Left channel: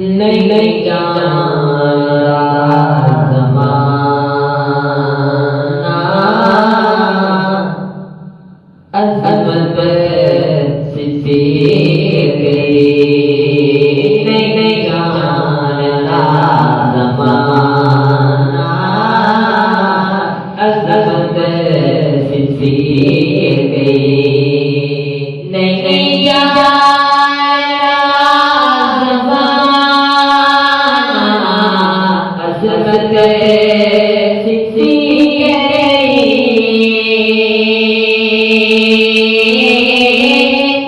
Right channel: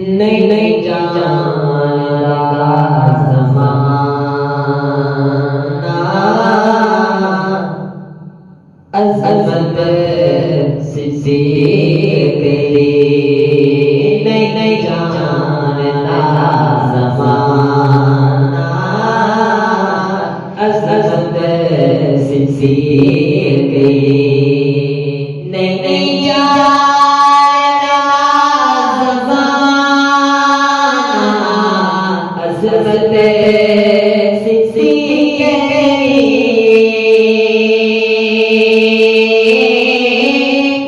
नहीं नहीं जाना ज़माना अज़मत सिद्दीक़ी नहीं नहीं जाना ज़माना अज़मत सिद्दीक़ी नहीं नहीं जाना अज़मत सिद्दीक़ी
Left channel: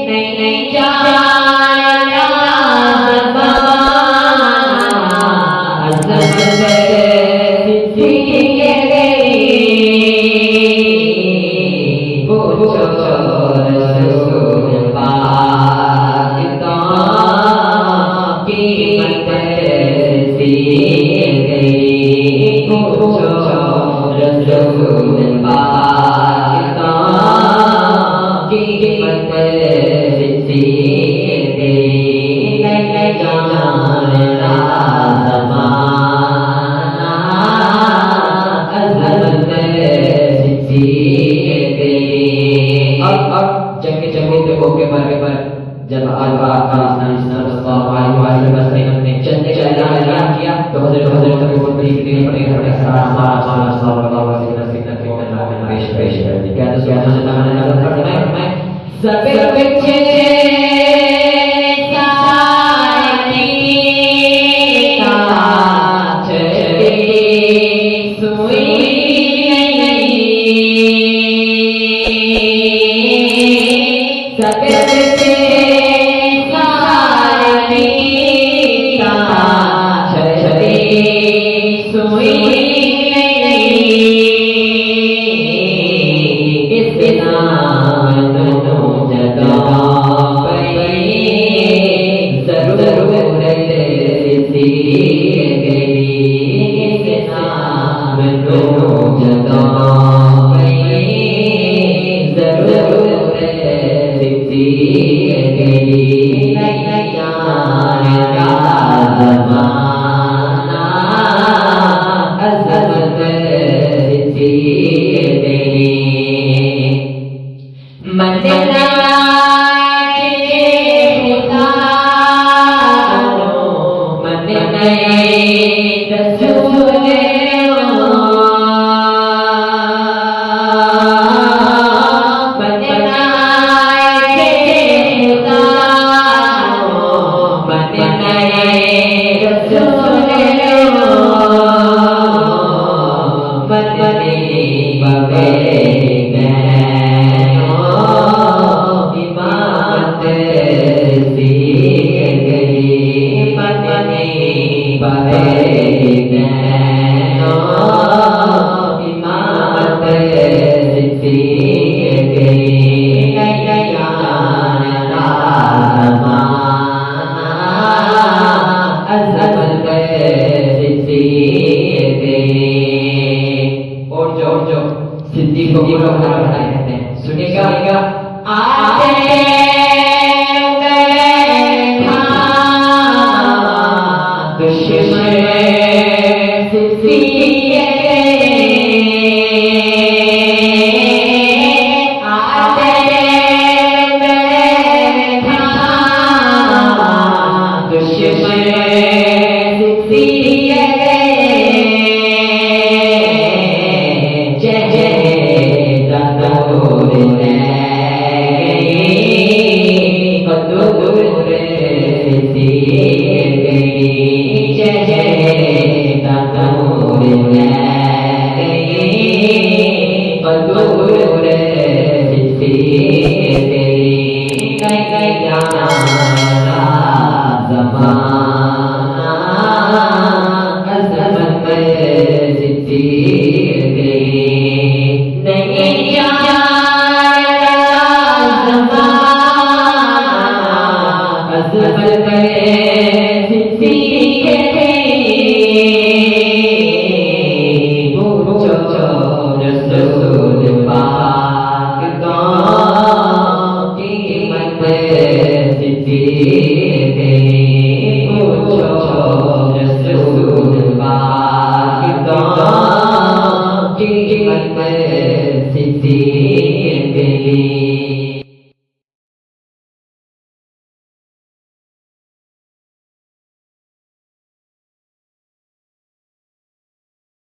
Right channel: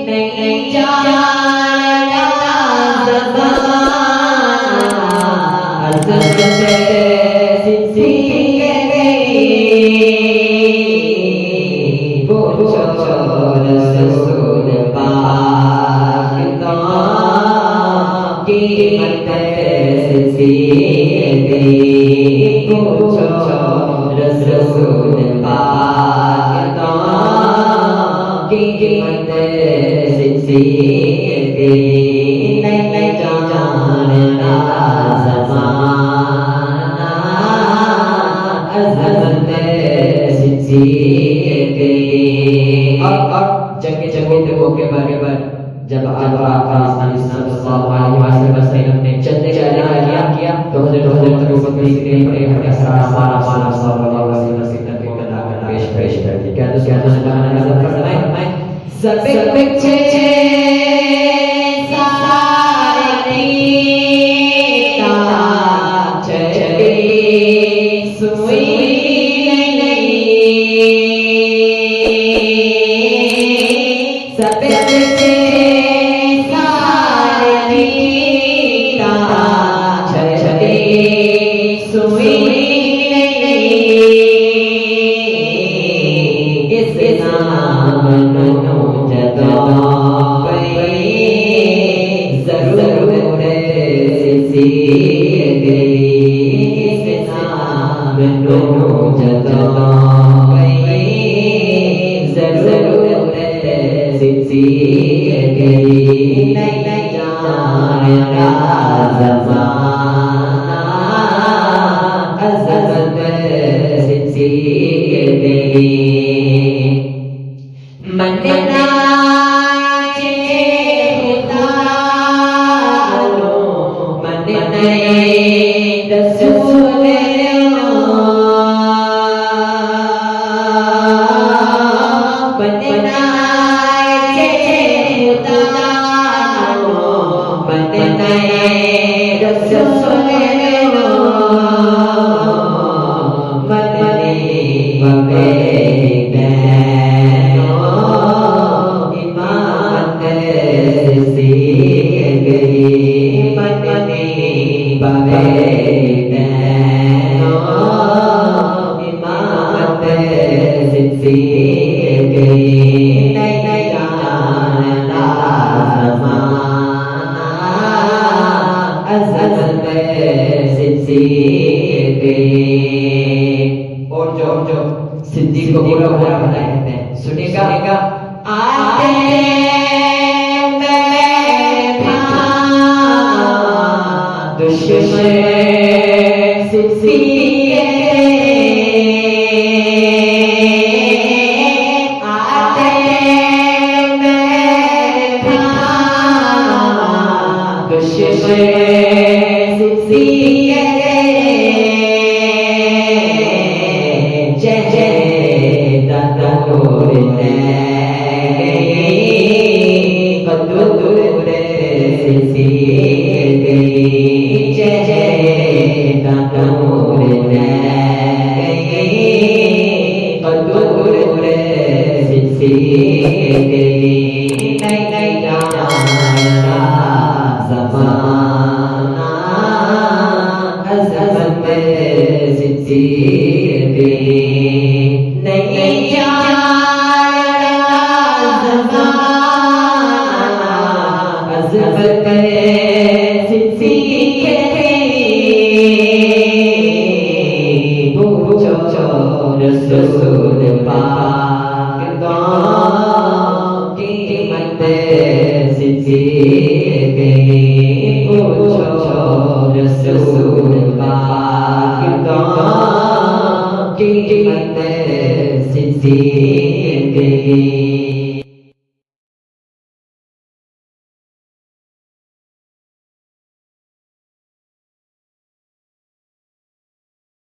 नहीं नहीं जाना ज़माना अज़मत सिद्दीक़ी पूछो रसूल पाक की कीमत सिद्दीक़ी पूछो रसूल पाक की कीमत सिद्दीक़ी नहीं जाना ज़माना अज़मत सिद्दीक़ी। और जगह जगह पे मौके पर जब आका सल्लल्लाहु अलैहि वसल्लम ने चलने का ऐलान किया तो हज़रत अबू सिद्दीक़ ने अपने घर का सारा सल्लल्लाहु अलैहि वसल्लम की तरफ पेश कर दी। क्या तो फरमाए सब बच्चे सारे का चले सुई सब बच्चे सारे का चले सुई इस नाम नो जगा जरूर सिद्दीक़ी इस नाम नो जगा जरूर सिद्दीक़ी नहीं जाना ज़माना अज़मत सिद्दीक़ी मदीना रसूल और जो सिद्दीक़ को पूरा पूरा बनाए जाते हैं सुनेगा आते सिद्दीक़ी कीमत सिद्दीक की